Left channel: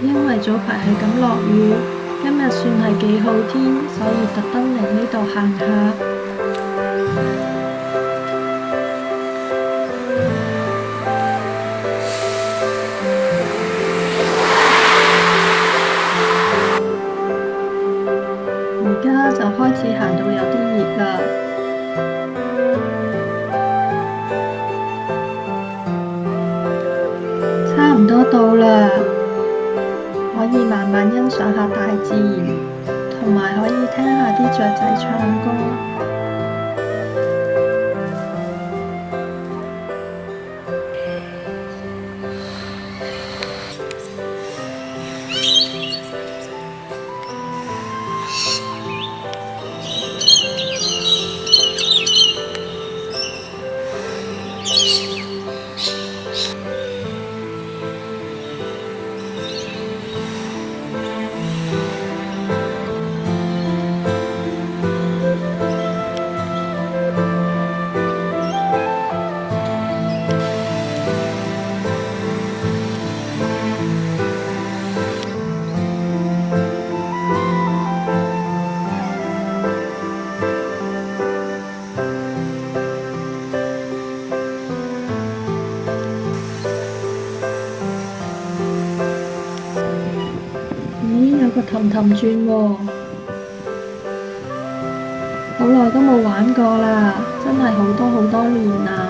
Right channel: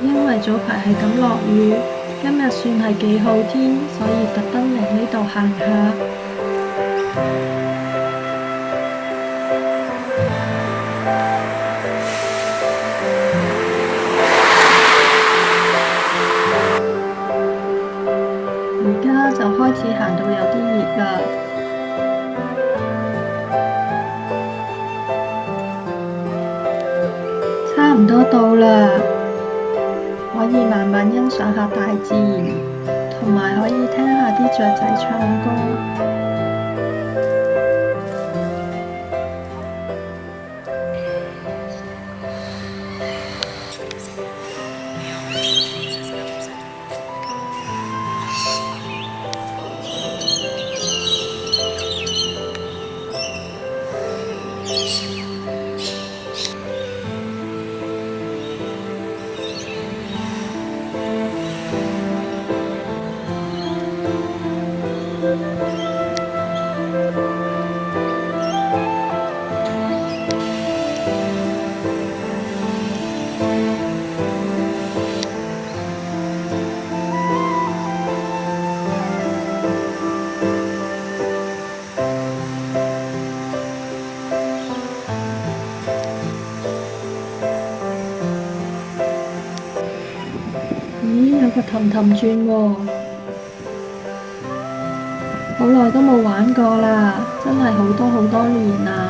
因為早排係咁落雨，今日算係幾好天，所以特登嚟呢度行下。而家就開始行到有啲熱啦，差唔多到啦，可以慢慢欣賞下大自然，同埋可以聽下啲雀仔唱歌。咦，有個氹氹轉喎，好耐都冇玩過啦，真係好多好多年啦。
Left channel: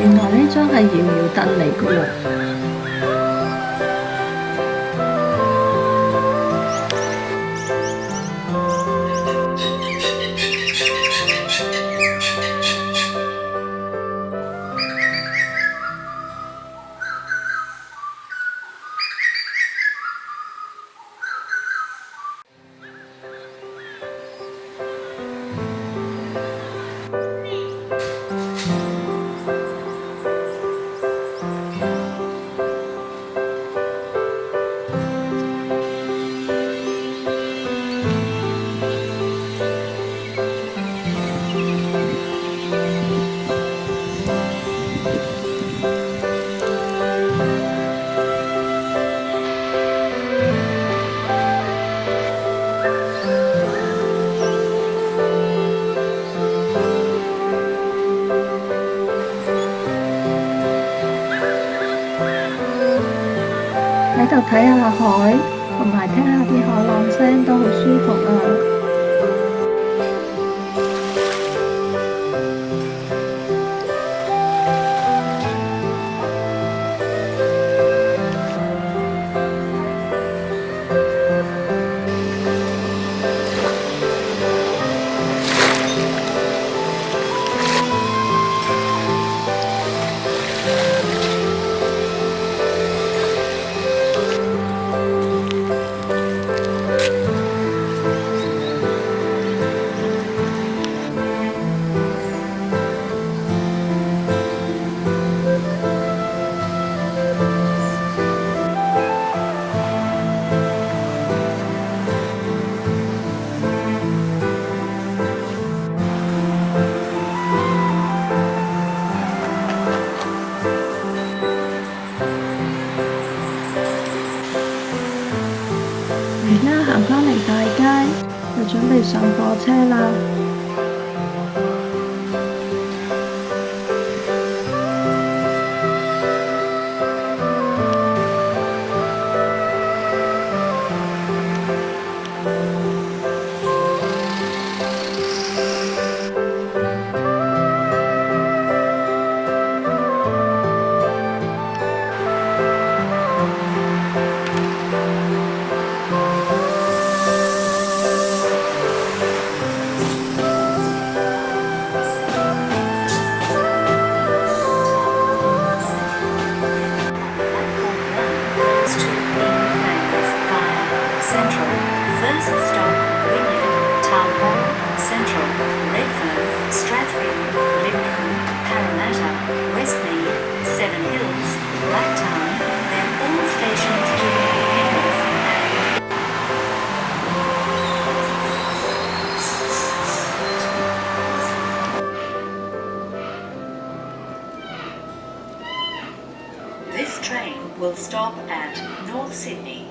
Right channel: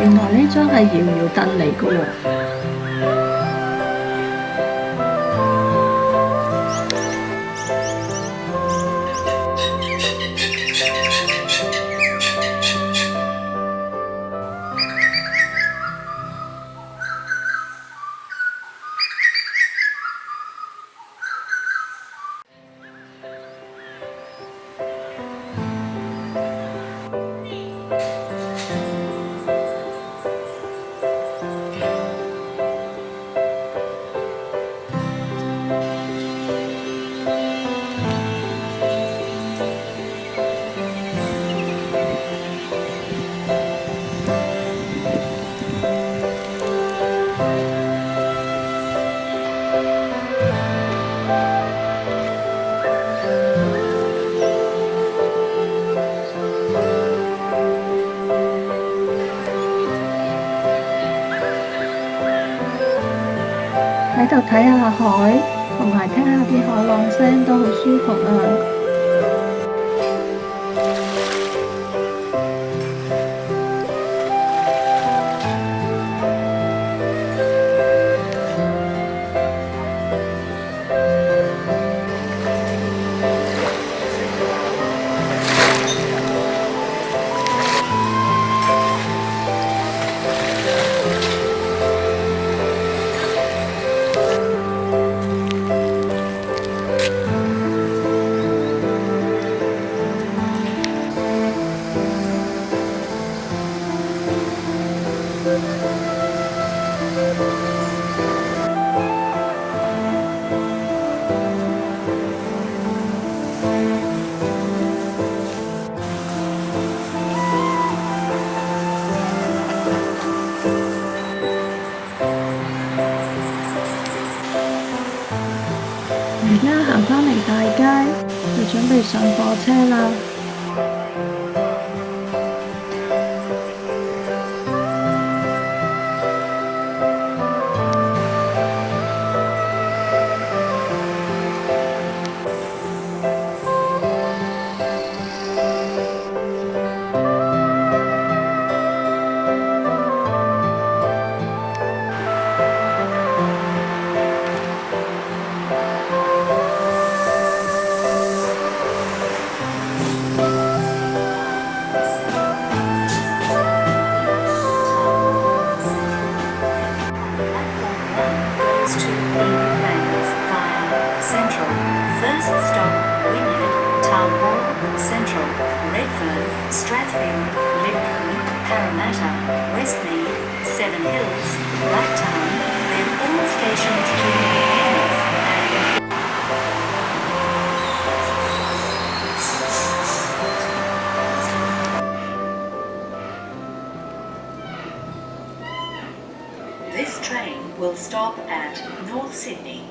原來呢張係搖搖凳嚟㗎喎。喺度睇下海，同埋聽下啲海浪聲都好舒服啊！而家行返嚟大街，就準備上火車啦。stop Wynyard, Town Hall, Central, Redfern, Strathfield, Lidcombe, Parramatta, Westmead, Seven Hills, Blacktown, then all stations to Penrith and this train will stop at North Sydney.